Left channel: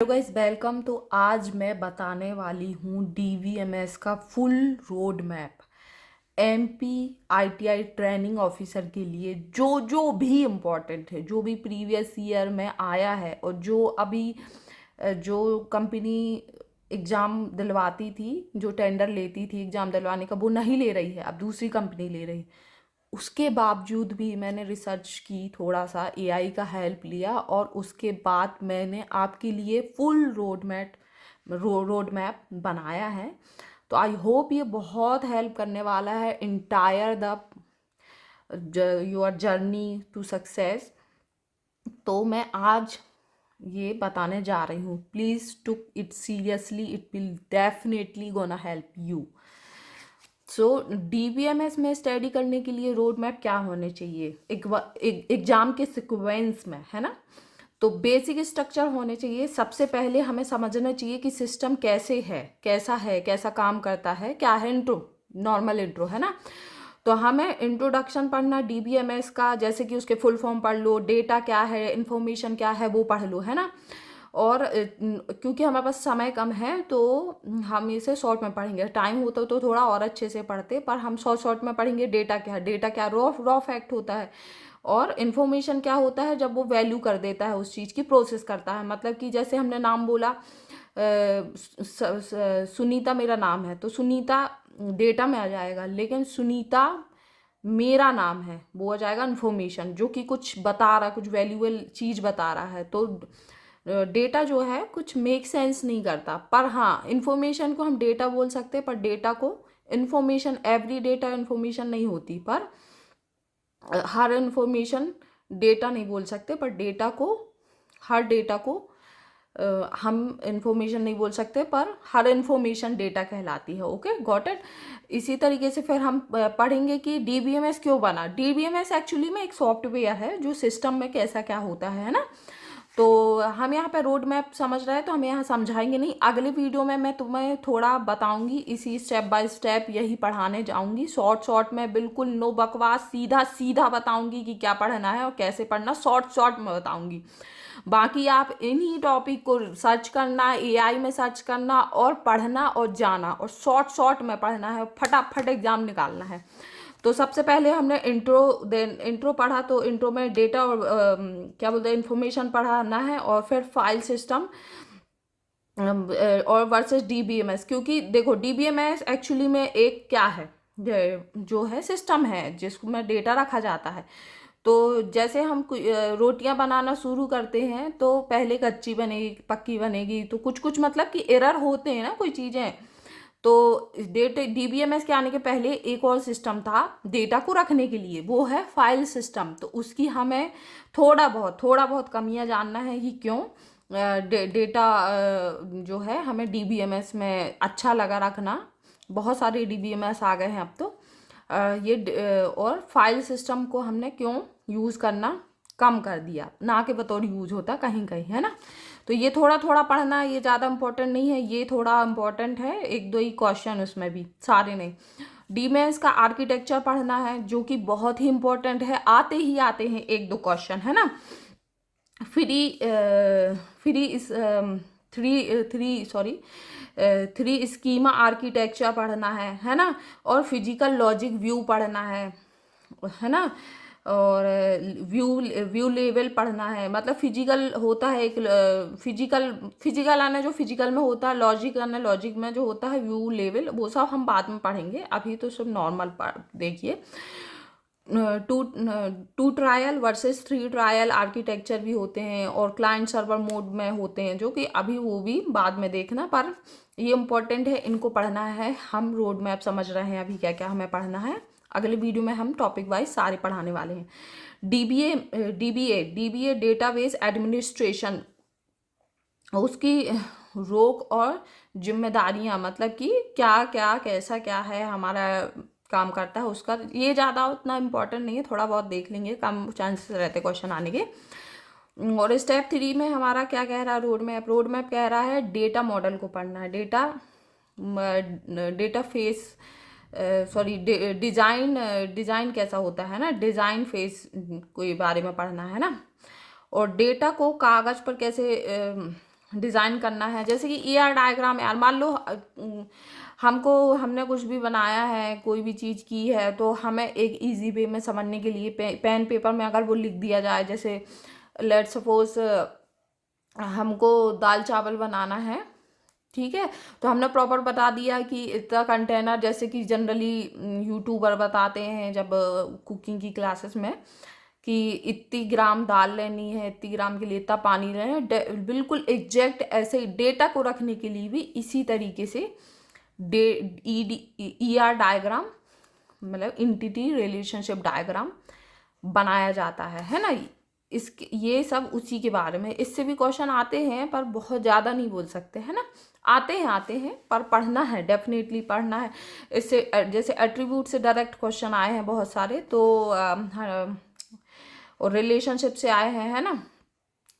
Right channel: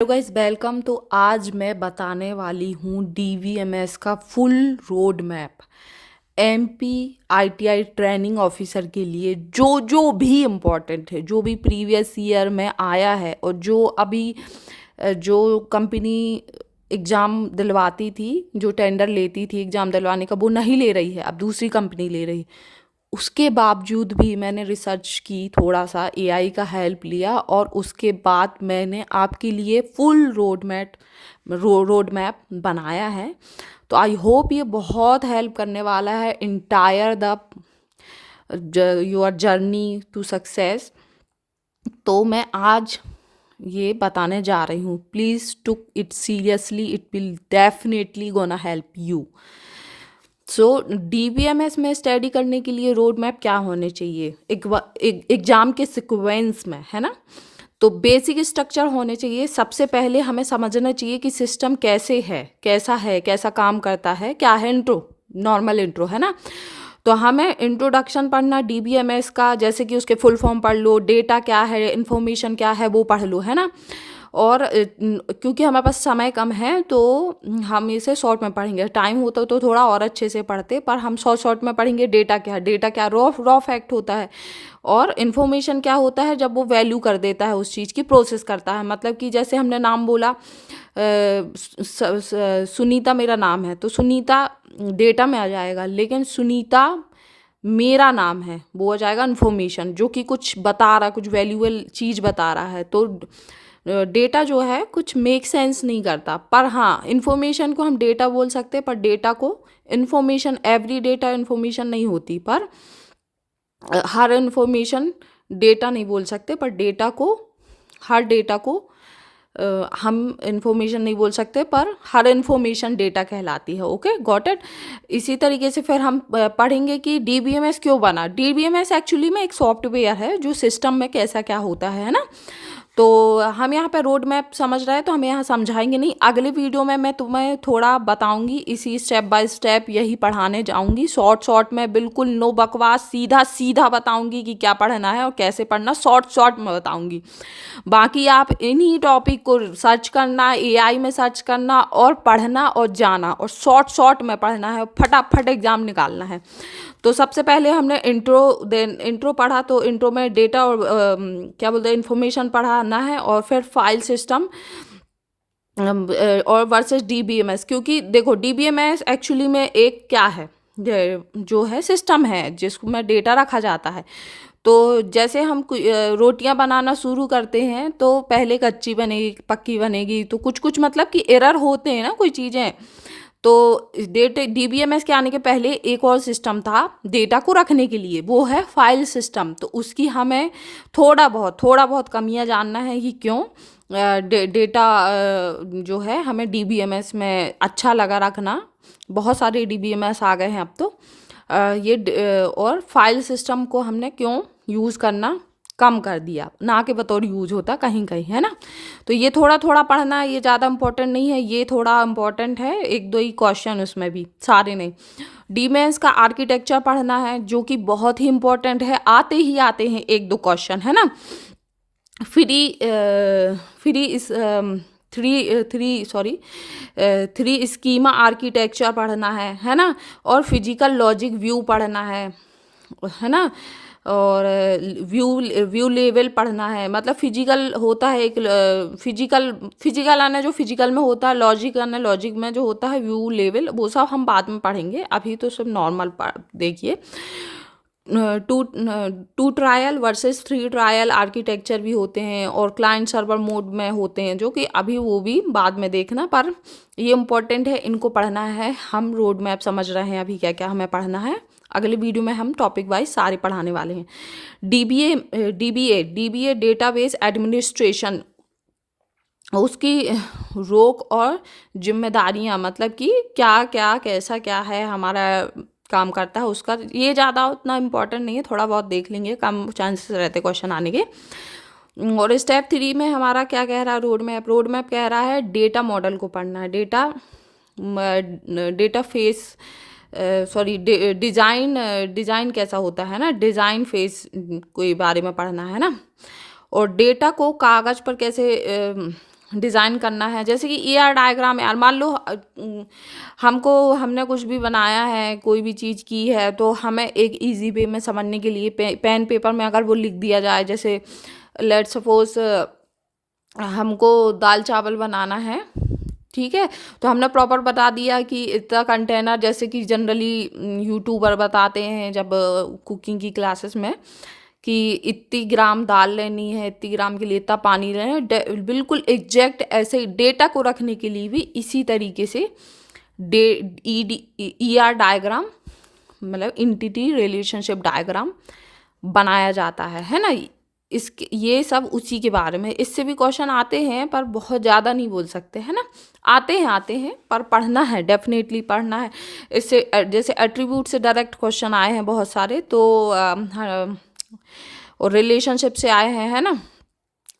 Hello guys, welcome. तो आज मैं बताने वाली हूँ डीवीएमएस का full road map. MP ITI training officer के लिए जो जो भी इम्पोर्टेंट है, जो भी प्रीवियस ईयर में आया है और जो अभी जो कंपनी एग्ज़ाम दिलवाती थी, जो टेंडर लेती थी एग्ज़ाम दिलवाने का, वो नहीं ले रही है, अब दूसरी कंपनी ले रही। उसके बावजूद भी मैंने रिसर्च की, थोड़ा सा एआई का हेल्प लिया और उसके बाद मैंने आपके लिए फुल रोड मैप बनाया है। तो आई होप ये बहुत हेल्प करने वाला है entire the your journey to success. तो मैं आज ये बताने जा रही हूँ, please took it seriously, it will definitely gonna help you. So DBMS में स्टडी करने के लिए रोड मैप क्या होने चाहिए एग्जाम के सिक्वेंस में, है ना। तो बेसिक स्ट्रक्चर होने चाहिए। सबसे पहले हमें समझना चाहिए कि सिस्टम कैसे है, कैसा काम करता है, क्या है। इंट्रो, नॉर्मल इंट्रो, है ना। तो हमें इंट्रोडक्शन पढ़ना डीबीएमएस का, जैसे कि उसके फुल फॉर्म पढ़ लो, डेटा क्या है, इन्फॉर्मेशन क्या है वो पढ़ लो, है ना। और क्योंकि हमारे पास समय कम है तो हम इसे शॉर्ट में पढ़ेंगे। टाइम होता तो थोड़ा और अच्छे से पढ़ते, पर हम शॉर्ट में पढ़ेंगे। डेटा क्या रॉ रॉ फैक्ट होता है, और इन्फॉर्मेशन क्या होता है जब वो वैल्यू कर देता है, उस चीज़ की प्रोसेस करता है। मतलब कि जैसे हमने नाम बोला, सुनीता मेरा नाम है, तो सुनीता डेटा में आ जाएगा, लेकिन सुनीता मेरा नाम है वो हो जाएगा इन्फॉर्मेशन, जो कि कुछ बता रहा है, कुछ वैल्यूएबल चीज़ बता रहा है। तो डेटा जो है कुछ मेक सेंस नहीं करता, पर हाँ इन्फॉर्मेशन को हम डेटा बोल सकते हैं, पर डेटा को इन्फॉर्मेशन, एवरी डेटा इन्फॉर्मेशन नहीं होती, पर हर इन्फॉर्मेशन डेटा नहीं बोल सकते, पर हर डेटा को हम इन्फॉर्मेशन नहीं बोल सकते, पर हर इन्फॉर्मेशन डेटा कहलाती है। Okay, got it. इसी तरीके से फिर हम पढ़ेंगे कि डीबीएमएस क्यों बना। डीबीएमएस एक्चुअली में एक सॉफ्टवेयर है जो सिस्टम में कैसा क्या होता है ना। तो हम यहाँ पे रोड मैप समझ रहे हैं, तो हम यहाँ समझाएंगे नहीं। अगले वीडियो में मैं तुम्हें थोड़ा बताऊंगी, इसी स्टेप बाय स्टेप यही पढ़ाने जाऊंगी, शॉर्ट में, बिल्कुल नो बकवास, सीधा सीधा बताऊंगी कि क्या पढ़ना है और कैसे पढ़ना, शॉर्ट में बताऊंगी। बाकी आप इन्हीं टॉपिक को सर्च करना, एआई में सर्च करना और पढ़ना और जाना, और शॉर्ट में पढ़ना है, फटाफट एग्जाम निकालना है। तो सबसे पहले हमने इंट्रो पढ़ा, तो इंट्रो में डेटा और क्या बोलते हैं, इंफॉर्मेशन पढ़ाना है, और फिर फाइल सिस्टम और वर्सेस डीबीएमएस। क्योंकि देखो डीबीएमएस एक्चुअली में एक क्या है, जो है सिस्टम है जिसमें डेटा रखा जाता है। तो जैसे हम रोटियां बनाना शुरू करते हैं तो पहले कच्ची बनेगी, पक्की बनेगी, तो कुछ कुछ मतलब कि एरर होते हैं ना कोई चीज़ें। तो डेटा डीबीएमएस के आने के पहले एक और सिस्टम था डेटा को रखने के लिए, वो है फाइल सिस्टम। तो उसकी हमें थोड़ा बहुत कमियां जानना है कि क्यों डेटा जो है हमें डीबीएमएस में अच्छा लगा रखना। बहुत सारे डीबीएमएस आ गए हैं अब तो। और फाइल सिस्टम को हमने क्यों यूज़ करना कम कर दिया, ना के बतौर यूज होता कहीं कहीं, है ना। तो ये थोड़ा पढ़ना, ये ज़्यादा इम्पोर्टेंट नहीं है, ये थोड़ा इम्पोर्टेंट है, एक दो ही क्वेश्चन उसमें भी, सारे नहीं। डीमेंस का आर्किटेक्चर पढ़ना है, जो कि बहुत ही इम्पोर्टेंट है, आते हैं एक दो क्वेश्चन, है ना। फ्री फ्री इस थ्री स्कीमा आर्किटेक्चर पढ़ना है ना। और फिजिकल लॉजिक व्यू पढ़ना है ना। और व्यू व्यू लेवल पढ़ना है। मतलब फिजिकल होता है एक, फिजिकल आना जो फिजिकल में होता है, लॉजिक आना लॉजिक में जो होता है, व्यू लेवल, वो सब हम बाद में पढ़ेंगे, अभी तो सब नॉर्मल देखिए। Two trial versus three trial architecture भी होते हैं, और क्लाइंट सर्वर मोड में होते हैं, जो कि अभी वो भी बाद में देखना, पर ये इम्पोर्टेंट है, इनको पढ़ना है। हम रोड मैप समझ रहे हैं अभी क्या क्या हमें पढ़ना है। अगले वीडियो में हम टॉपिक वाइज सारे पढ़ाने वाले हैं। डीबीए डेटाबेस एडमिनिस्ट्रेशन, उसकी रोक और जिम्मेदारियां, मतलब कि क्या क्या कैसा क्या है हमारा काम करता है उसका, ये ज़्यादा उतना इम्पोर्टेंट नहीं है, थोड़ा बहुत देख लेंगे, कम चांसेस रहते क्वेश्चन आने के। और स्टेप 3 में हमारा क्या कह रहा है, रोड मैप कह रहा है डेटा मॉडल को पढ़ना है, डेटा फेस सॉरी डिज़ाइन कैसा होता है ना, डिज़ाइन फेस के बारे में पढ़ना है ना। और डेटा को कागज़ पर कैसे डिज़ाइन करना है, जैसे कि ER डायग्राम। यार मान लो हमने कुछ भी बनाया है, कोई भी चीज़ की है, तो हमें एक इजी वे में समझने के लिए पेन पेपर में अगर वो लिख दिया जाए, जैसे लेट सपोज हमको दाल चावल बनाना है, ठीक है, तो हमने प्रॉपर बता दिया कि इतना कंटेनर, जैसे कि जनरली यूट्यूबर बताते हैं जब कुकिंग की क्लासेस में, कि इतनी ग्राम दाल लेनी है, इतनी ग्राम के लिए इतना पानी लेना है, बिल्कुल एग्जैक्ट ऐसे डेटा को रखने के लिए भी इसी तरीके से डे ER डायग्राम, मतलब इंटिटी रिलेशनशिप डायग्राम बनाया जाता है ना। इसके ये सब उसी के बारे में, इससे भी क्वेश्चन आते हैं पर बहुत ज़्यादा नहीं बोल सकते, है ना। आते हैं पर पढ़ना है, डेफिनेटली पढ़ना है। इससे जैसे एट्रीब्यूट से डायरेक्ट क्वेश्चन आए हैं बहुत सारे, तो और रिलेशनशिप से आए हैं, है ना।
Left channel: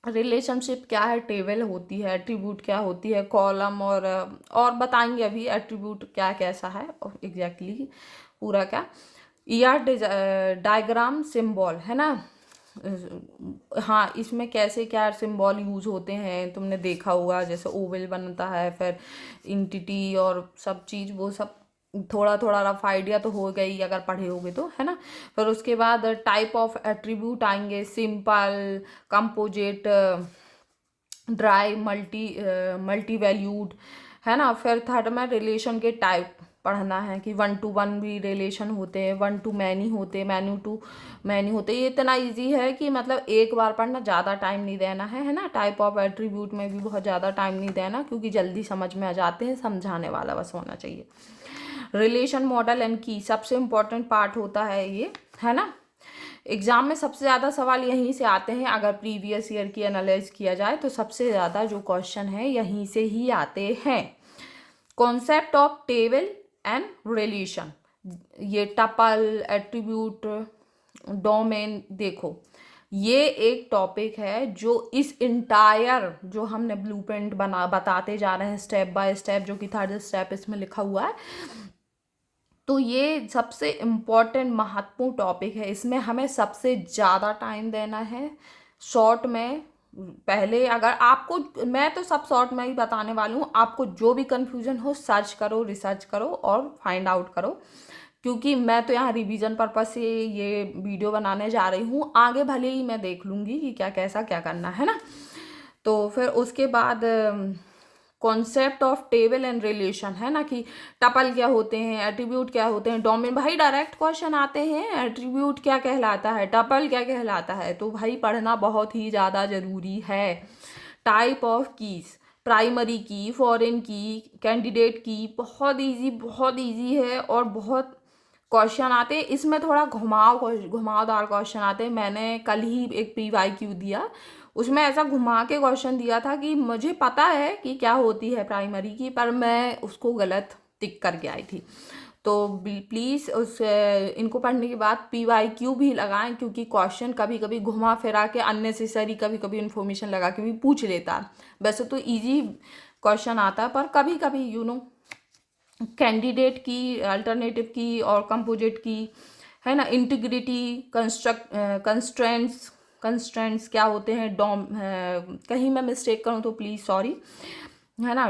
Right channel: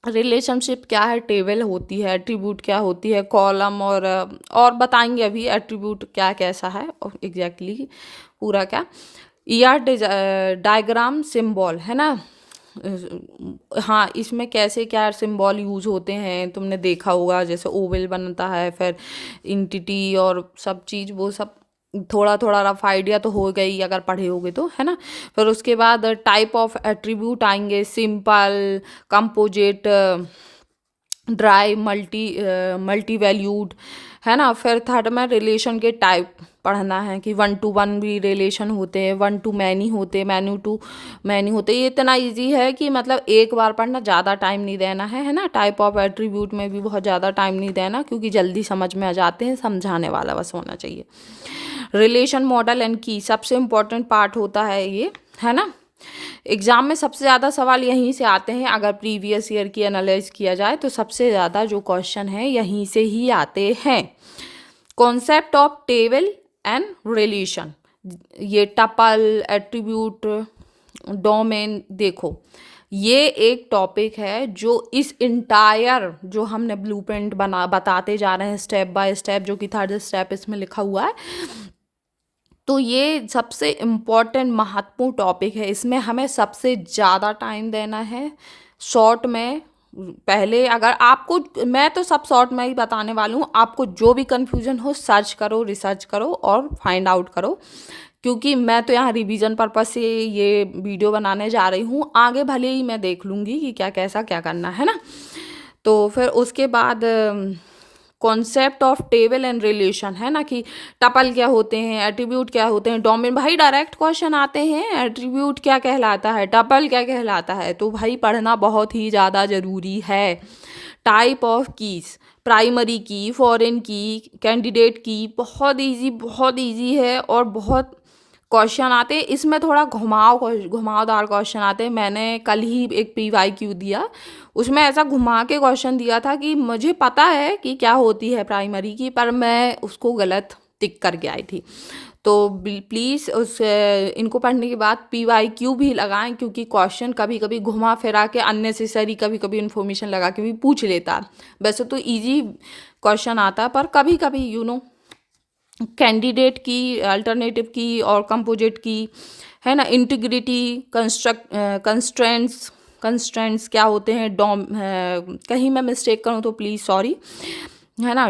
रिलेशनशिप क्या है, टेबल होती है, एट्रीब्यूट क्या होती है, कॉलम, और बताएंगे अभी एट्रीब्यूट क्या कैसा है और एग्जैक्टली पूरा क्या। ER डायग्राम सिंबल, है ना। हाँ, इसमें कैसे क्या सिंबल यूज होते हैं तुमने देखा होगा, जैसे ओवल बनता है, फिर इंटिटी और सब चीज़, वो सब थोड़ा थोड़ा रफ आइडिया तो हो गई अगर पढ़े होगे तो, है ना। फिर उसके बाद टाइप ऑफ एट्रीब्यूट आएंगे, simple, composite, dry, multi valued, है ना। फिर थर्ड में रिलेशन के टाइप पढ़ना है कि 1 to 1 भी रिलेशन होते हैं, 1 to मैनी होते, मैनी टू मैनी होते। ये इतना इजी है कि मतलब एक बार पढ़ना, ज़्यादा टाइम नहीं देना है ना। टाइप ऑफ एट्रीब्यूट में भी बहुत ज़्यादा टाइम नहीं देना, क्योंकि जल्दी समझ में आ जाते हैं, समझाने वाला बस होना चाहिए। रिलेशन मॉडल एंड की सबसे इम्पोर्टेंट पार्ट होता है ये, है ना। एग्जाम में सबसे ज़्यादा सवाल यहीं से आते हैं, अगर प्रीवियस ईयर की एनालाइज किया जाए तो सबसे ज़्यादा जो क्वेश्चन है यहीं से ही आते हैं। Concept of table and relation, ये टपल, एट्रीब्यूट, डोमेन, देखो ये एक टॉपिक है जो इस इंटायर जो हमने ब्लूप्रिंट बताते जा रहे हैं स्टेप बाय स्टेप, जो कि थर्ड स्टेप इसमें लिखा हुआ है, तो ये सबसे इम्पॉर्टेंट महत्वपूर्ण टॉपिक है। इसमें हमें सबसे ज़्यादा टाइम देना है। शॉर्ट में पहले, अगर आपको, मैं तो सब शॉर्ट में ही बताने वाली हूँ, आपको जो भी कन्फ्यूजन हो सर्च करो, रिसर्च करो और फाइंड आउट करो, क्योंकि मैं तो यहाँ रिवीजन पर्पज से ये वीडियो बनाने जा रही हूँ। आगे भले ही मैं देख लूँगी कि क्या कैसा क्या करना है ना। तो फिर उसके बाद concept of table and relation, है ना, कि टपल क्या होते हैं, एट्रीब्यूट क्या होते हैं, डोमेन। भाई डायरेक्ट क्वेश्चन आते हैं, एट्रीब्यूट क्या कहलाता है, टपल क्या कहलाता है, तो भाई पढ़ना बहुत ही ज़्यादा ज़रूरी है। टाइप ऑफ कीज, प्राइमरी की, फॉरेन की, कैंडिडेट की, बहुत इजी है और बहुत क्वेश्चन आते हैं इसमें, थोड़ा घुमावदार क्वेश्चन आते हैं। मैंने कल ही एक PYQ दिया, उसमें ऐसा घुमा के क्वेश्चन दिया था कि मुझे पता है कि क्या होती है प्राइमरी की, पर मैं उसको गलत टिक करके आई थी। तो प्लीज़ इनको पढ़ने के बाद PYQ भी लगाएं, क्योंकि क्वेश्चन कभी कभी घुमा फिरा के अननेसेसरी कभी कभी इन्फॉर्मेशन लगा के भी पूछ लेता। वैसे तो इजी क्वेश्चन आता है, पर कभी कभी कैंडिडेट की, अल्टरनेटिव की और कंपोजिट की, है ना। इंटीग्रिटी, कंस्ट्रेंट्स क्या होते हैं, कहीं मैं मिस्टेक करूँ तो प्लीज़ सॉरी, है ना।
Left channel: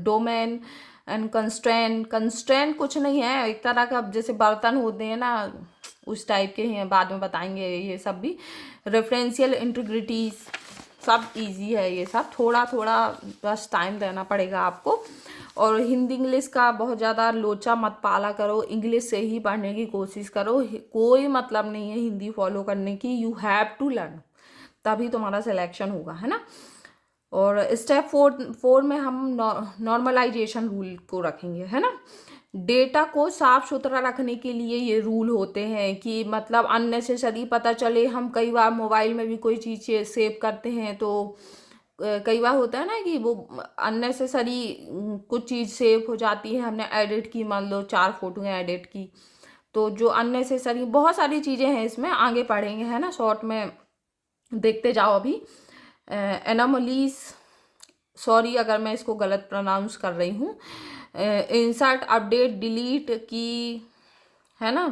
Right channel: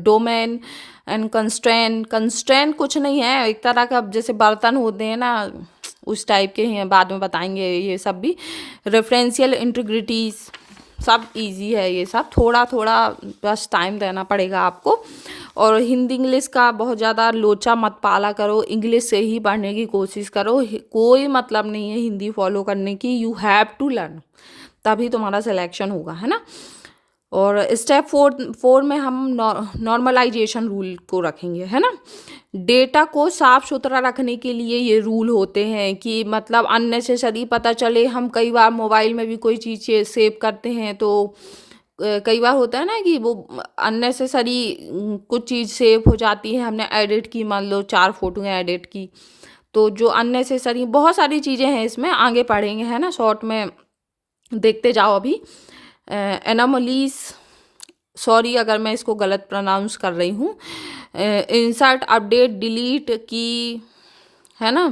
डोमेन एंड कंस्ट्रेंट कुछ नहीं है, एक तरह का जैसे बर्तन होते हैं ना, उस टाइप के हैं, बाद में बताएंगे ये सब भी। रेफरेंशियल इंटीग्रिटीज, सब इजी है ये सब, थोड़ा थोड़ा बस टाइम देना पड़ेगा आपको। और हिंदी इंग्लिश का बहुत ज़्यादा लोचा मत पाला करो, इंग्लिश से ही पढ़ने की कोशिश करो। कोई मतलब नहीं है हिंदी फॉलो करने की, यू हैव टू लर्न, तभी तुम्हारा सिलेक्शन होगा, है ना। और स्टेप 4 में हम नॉर्मलाइजेशन रूल को रखेंगे, है ना। डेटा को साफ सुथरा रखने के लिए ये रूल होते हैं कि मतलब अननेसेसरी, पता चले हम कई बार मोबाइल में भी कोई चीज़ सेव करते हैं, तो कई बार होता है ना कि वो अननेसेसरी कुछ चीज़ सेव हो जाती है, हमने एडिट की, मान लो 4 फोटो एडिट की, तो जो अननेसेसरी बहुत सारी चीज़ें हैं इसमें, आगे पढ़ेंगे, है ना। शॉर्ट में देखते जाओ अभी। एनोमलीज, सॉरी अगर मैं इसको गलत प्रोनाउंस कर रही हूँ। इंसर्ट, अपडेट, डिलीट की, है ना।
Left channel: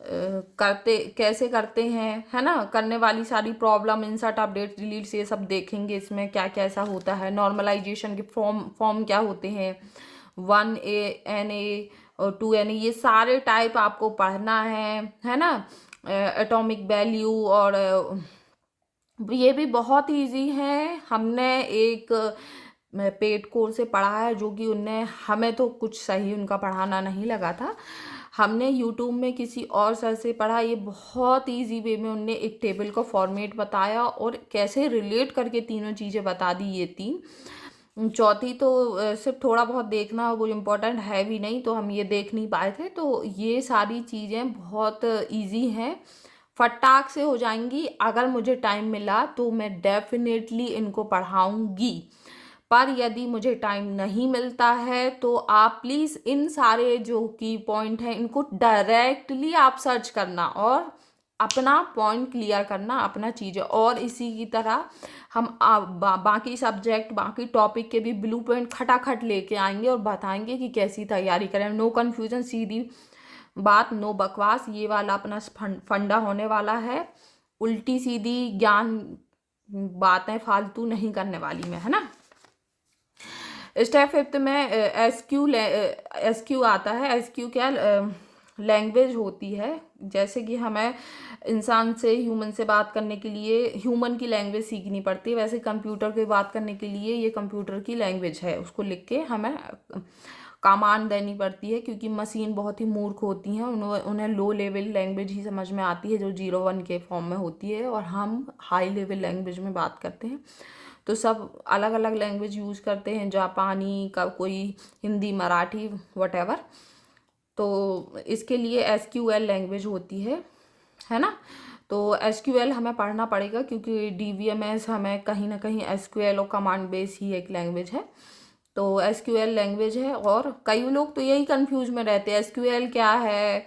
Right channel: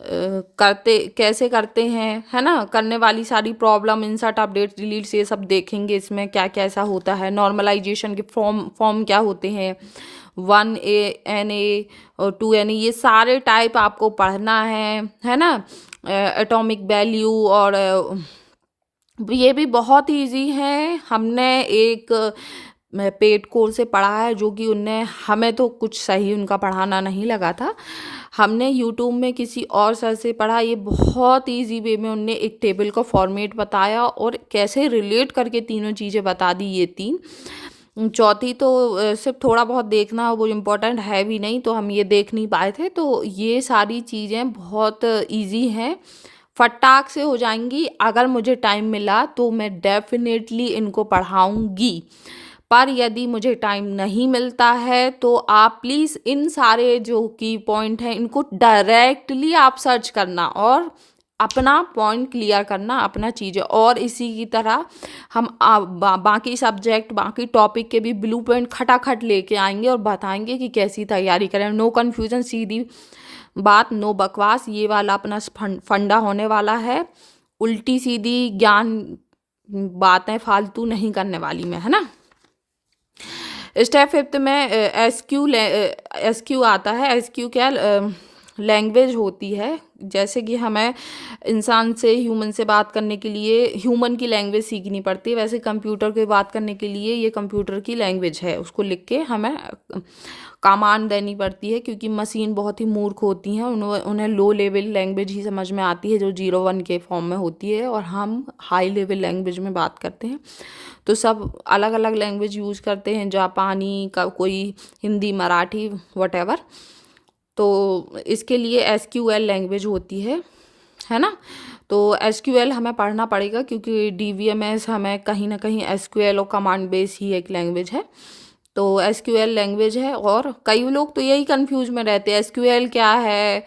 करते कैसे करते हैं, है ना, करने वाली सारी प्रॉब्लम, इंसर्ट, अपडेट, डिलीट, ये सब देखेंगे। इसमें क्या क्या ऐसा होता है, नॉर्मलाइजेशन के फॉर्म क्या होते हैं, 1 NA और 2 NA, ये सारे टाइप आपको पढ़ना है ना। एटॉमिक वैल्यू, और ये भी बहुत इजी है। हमने एक पेड कोर्स से पढ़ा है, जो कि उनने हमें तो कुछ सही उनका पढ़ाना नहीं लगा था। हमने यूट्यूब में किसी और सर से पढ़ा। ये बहुत इजी वे में उनने एक टेबल का फॉर्मेट बताया और कैसे रिलेट करके तीनों चीज़ें बता दी, ये तीन। चौथी तो सिर्फ थोड़ा बहुत देखना, वो इम्पोर्टेंट है भी नहीं, तो हम ये देख नहीं पाए थे। तो ये सारी चीज़ें बहुत इजी हैं, फटाक से हो जाएंगी। अगर मुझे टाइम मिला तो मैं डेफिनेटली इनको पढ़ाऊंगी, पर यदि मुझे टाइम नहीं मिलता है तो आप प्लीज़ इन सारे जो की पॉइंट हैं इनको डायरेक्टली आप सर्च करना और अपना पॉइंट क्लियर करना, अपना चीज़ें। और इसी की तरह हम बाकी सब्जेक्ट, बाकी टॉपिक के भी ब्लूप्रिंट खटाखट लेके आएंगे और बताएंगे कि कैसी तैयारी करें। नो कन्फ्यूजन, सीधी बात, नो बकवास, ये वाला अपना फंडा होने वाला है। उल्टी सीधी ज्ञान बातें फालतू नहीं करने वाली मैं, है ना। स्टेप 5 में एस क्यू आता है। एस क्यू क्या लैंग्वेज होती है, जैसे कि हमें इंसान से, ह्यूमन से बात करने के लिए ह्यूमन की लैंग्वेज सीखनी पड़ती है, वैसे कंप्यूटर की बात करने के लिए ये कंप्यूटर की लैंग्वेज है, उसको लिख के हमें कमांड देनी पड़ती है। क्योंकि मशीन बहुत ही मूर्ख होती हैं, उन्हें लो लेवल लैंग्वेज ही समझ में आती है, जो 0 1 के फॉर्म में होती है, और हम हाई लेवल लैंग्वेज में बात करते हैं। तो सब अलग अलग लैंग्वेज यूज़ करते हैं, जापानी का, कोई हिंदी, मराठी, वटेवर। तो इसके लिए SQL लैंग्वेज होती है ना। तो SQL हमें पढ़ना पड़ेगा, क्योंकि DVMS हमें कहीं ना कहीं SQL और कमांड बेस ही एक लैंग्वेज है। तो SQL लैंग्वेज है, और कई लोग तो यही कंफ्यूज में रहते हैं, SQL क्या है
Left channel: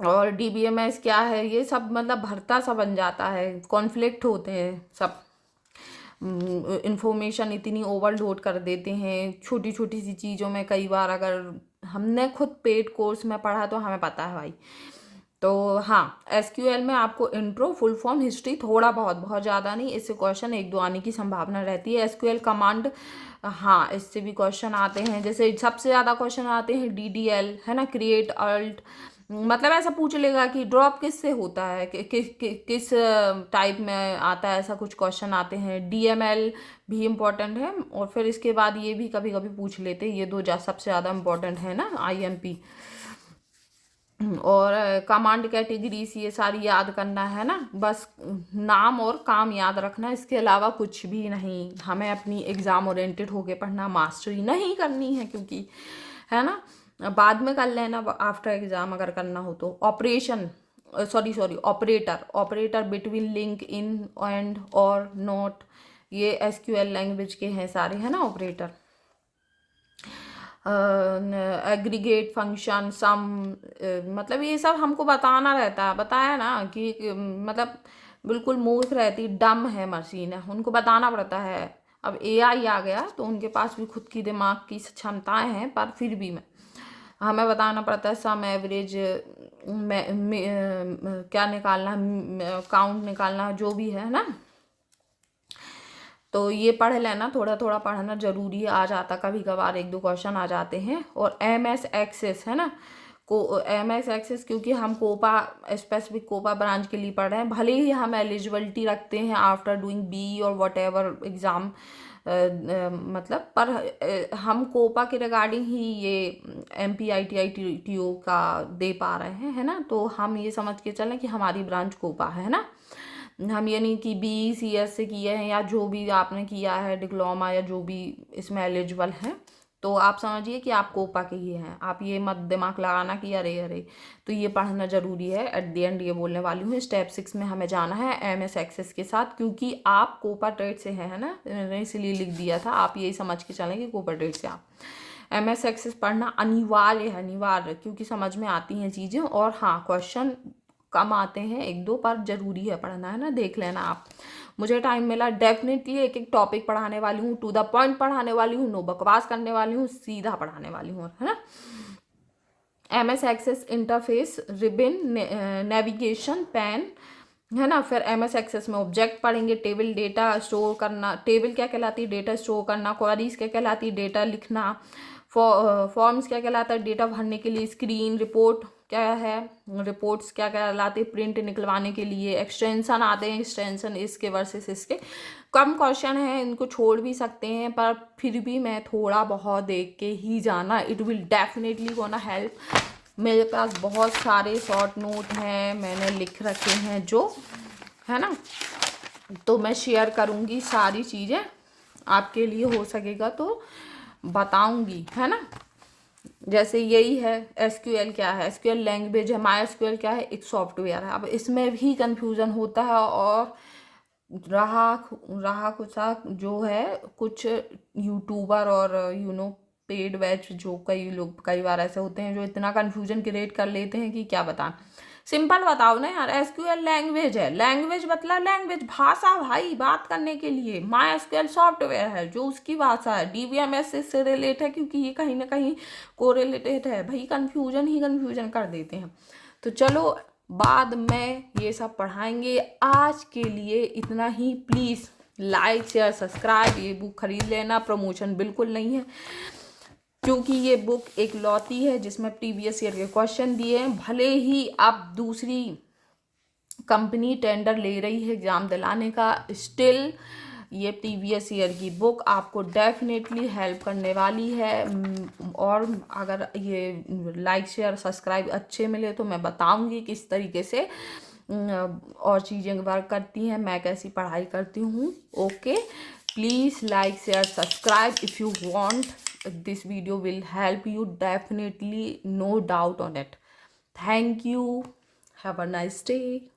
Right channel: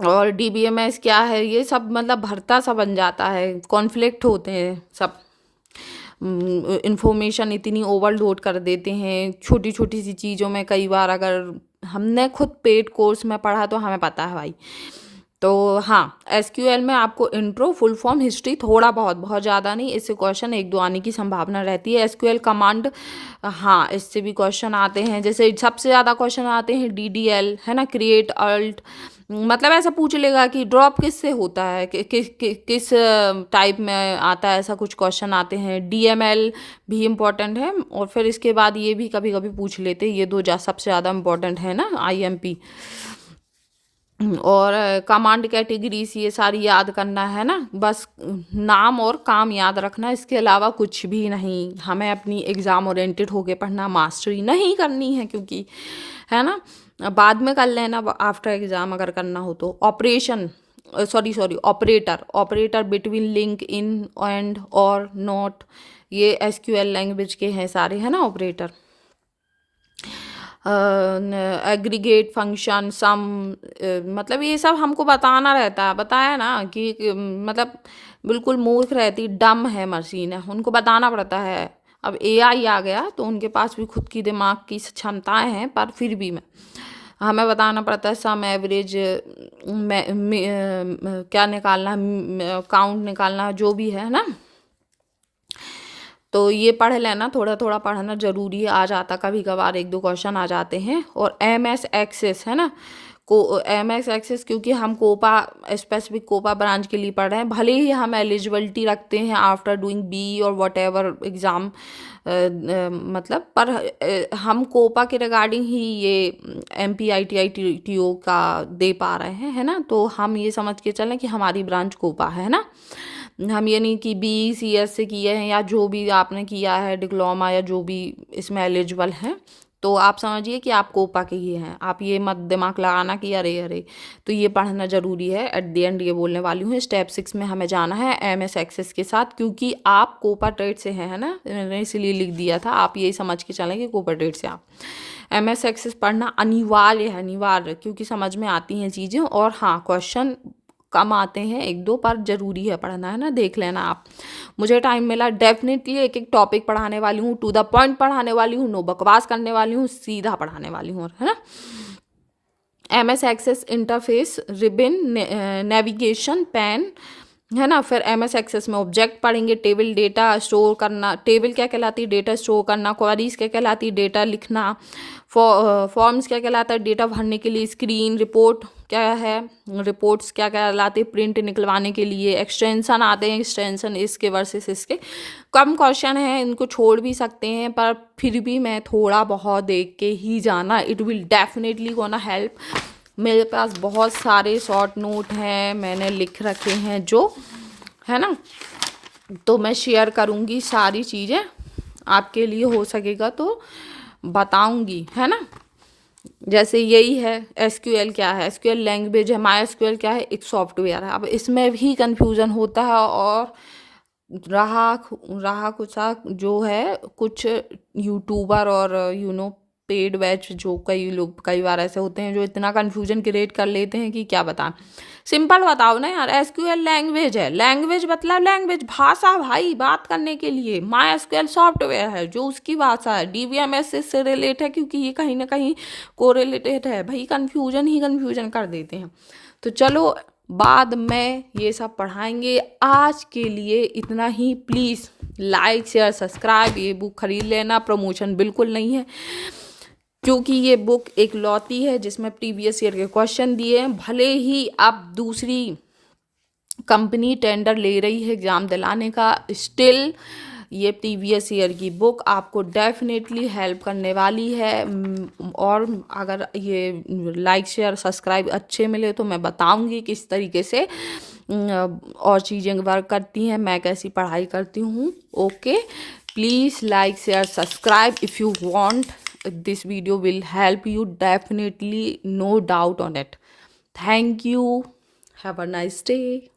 और DBMS क्या है, ये सब मतलब भरता सा बन जाता है, कॉन्फ्लिक्ट होते हैं सब। इंफॉर्मेशन इतनी ओवरलोड कर देते हैं छोटी छोटी सी चीज़ों में। कई बार अगर हमने खुद पेड कोर्स में पढ़ा तो हमें पता है भाई। तो हाँ, SQL में आपको इंट्रो, फुल फॉर्म, हिस्ट्री, थोड़ा बहुत, बहुत ज़्यादा नहीं, इससे क्वेश्चन 1 2 आने की संभावना रहती है। SQL कमांड, हाँ, इससे भी क्वेश्चन आते हैं। जैसे सबसे ज़्यादा क्वेश्चन आते हैं DDL, है ना, क्रिएट अल्ट, मतलब ऐसा पूछ लेगा कि ड्रॉप किससे होता है, किस टाइप में आता है, ऐसा कुछ क्वेश्चन आते हैं। DML भी इम्पोर्टेंट है, और फिर इसके बाद ये भी कभी कभी पूछ लेते हैं, ये दो सबसे ज़्यादा इम्पोर्टेंट है ना, IMP। और कमांड कैटेगरीज, ये सारी याद करना है ना, बस नाम और काम याद रखना, इसके अलावा कुछ भी नहीं। हमें अपनी एग्ज़ाम ओरिएंटेड होके पढ़ना, मास्टरी नहीं करनी है, क्योंकि, है ना, बाद में कर लेना आफ्टर एग्ज़ाम अगर करना हो तो। Operation, sorry operator between, link, in, and, और, नॉट, ये SQL लैंग्वेज के हैं सारे, है ना, ऑपरेटर। एग्रीगेट फंक्शन, सम, मतलब ये सब हमको बताना रहता है, बताया ना कि मतलब बिल्कुल मूर्ख रहती, डम है मशीन है, उनको बताना पड़ता है। अब AI आ गया तो उनके पास भी खुद की दिमाग की क्षमताएं हैं, पर फिर भी हमें बताना पड़ता है। सम, एवरेज, क्या निकालना, काउंट निकालना, जो भी है ना। तो ये पढ़ लेना, थोड़ा थोड़ा पढ़ना जरूरी है, आ जाता कभी कभार 1 2 क्वेश्चन आ जाते हैं। और MS एक्सेस, है ना, MS एक्सेस, क्योंकि हम कोपा, स्पेसिफिक कोपा ब्रांच के लिए पढ़ रहे हैं, भले ही हम एलिजिबिलिटी रखते हैं आफ्टर डूइंग BE और वट एवर एग्ज़ाम, मतलब, पर हम कोपा के रिगार्डिंग ही ये MP ITI TO का दे पा रहे हैं, है ना। तो हम ये समझ के चलें कि हमारी ब्रांच कोपा है ना। हम ये नहीं कि BE CS से किए हैं, या जो भी आपने किया है डिप्लोमा, या जो भी इसमें एलिजिबल हैं, तो आप समझिए कि आप कोपा के ही हैं। आप ये मत दिमाग लगाना कि अरे अरे। तो ये पढ़ना ज़रूरी है। एट द एंड ये बोलने वाली हूँ, स्टेप 6 में हमें जाना है MS एक्सेस के साथ, क्योंकि आप कोपा ट्रेड से हैं, है ना, मैंने इसीलिए लिख दिया था। आप यही समझ के चलें कि कोपा ट्रेड से आप MS एक्सेस पढ़ना अनिवार्य है, अनिवार्य, क्योंकि समझ में आती हैं चीज़ें। और हाँ, क्वेश्चन कम आते हैं 1 2, पर जरूरी है पढ़ना, है ना, देख लेना आप। मुझे टाइम मिला डेफिनेटली एक एक टॉपिक पढ़ाने वाली हूँ, टू द पॉइंट पढ़ाने वाली हूँ, नो बकवास करने वाली हूँ, सीधा पढ़ाने वाली हूँ, है ना। MS access interface, ribbon, navigation pane, है ना। फिर MS एक्सेस में ऑब्जेक्ट पढ़ेंगे, टेबल डेटा स्टोर करना, टेबल क्या कहलाती है, डेटा स्टोर करना, क्वेरीज क्या कहलाती है, डेटा लिखना, फॉर्म्स क्या कहलाता है, डेटा भरने के लिए, स्क्रीन रिपोर्ट क्या है, रिपोर्ट्स क्या कहलाते हैं, प्रिंट निकलवाने के लिए, एक्सटेंशन आते हैं, एक्सटेंशन इसके वर्सेस इसके। कम क्वेश्चन है, इनको छोड़ भी सकते हैं, पर फिर भी मैं थोड़ा बहुत देख के ही जाना, it will definitely gonna help. मेरे पास बहुत सारे शॉर्ट नोट हैं, मैंने लिख रखे हैं जो, है ना, तो मैं शेयर करूँगी सारी चीज़ें, आपके लिए हो सकेगा तो बताऊँगी, है ना। जैसे यही है, SQL क्या है, SQL लैंग्वेज है, MySQL क्या है, एक सॉफ्टवेयर है। अब इसमें भी कंफ्यूजन होता है, और रहा रहा कुछ जो है, कुछ यूट्यूबर और पेड बैच, जो कई लोग कई बार ऐसे होते हैं जो इतना कंफ्यूजन क्रिएट कर लेते हैं कि क्या बताएं। सिंपल बताओ ना यार, SQL लैंग्वेज है, लैंग्वेज मतलब लैंग्वेज, भाषा भाई, बात करने के लिए। MySQL सॉफ्टवेयर है जो उसकी भाषा है, DBMS इससे रिलेट है, क्योंकि ये कहीं ना कहीं कोरिलेटेड है। भाई कंफ्यूजन ही कंफ्यूजन कर देते हैं। तो चलो बाद में ये सब पढ़ाएंगे, आज के लिए इतना ही। प्लीज़ लाइक शेयर सब्सक्राइब, ये बुक खरीद लेना, प्रमोशन बिल्कुल नहीं है, क्योंकि ये बुक एक लौती है जिसमें प्रीवियस ईयर के क्वेश्चन दिए हैं। भले ही अब दूसरी कंपनी टेंडर ले रही है एग्ज़ाम दिलाने का, स्टिल ये प्रीवियस ईयर की बुक आपको डेफिनेटली हेल्प करने वाली है। और अगर ये लाइक शेयर सब्सक्राइब अच्छे मिले तो मैं बताऊंगी किस तरीके से और चीज़ें वर्क करती हैं, मैं कैसी पढ़ाई करती हूँ। Okay, please like share subscribe if you want, this video will help you definitely, no doubt on it. Thank you, have a nice day.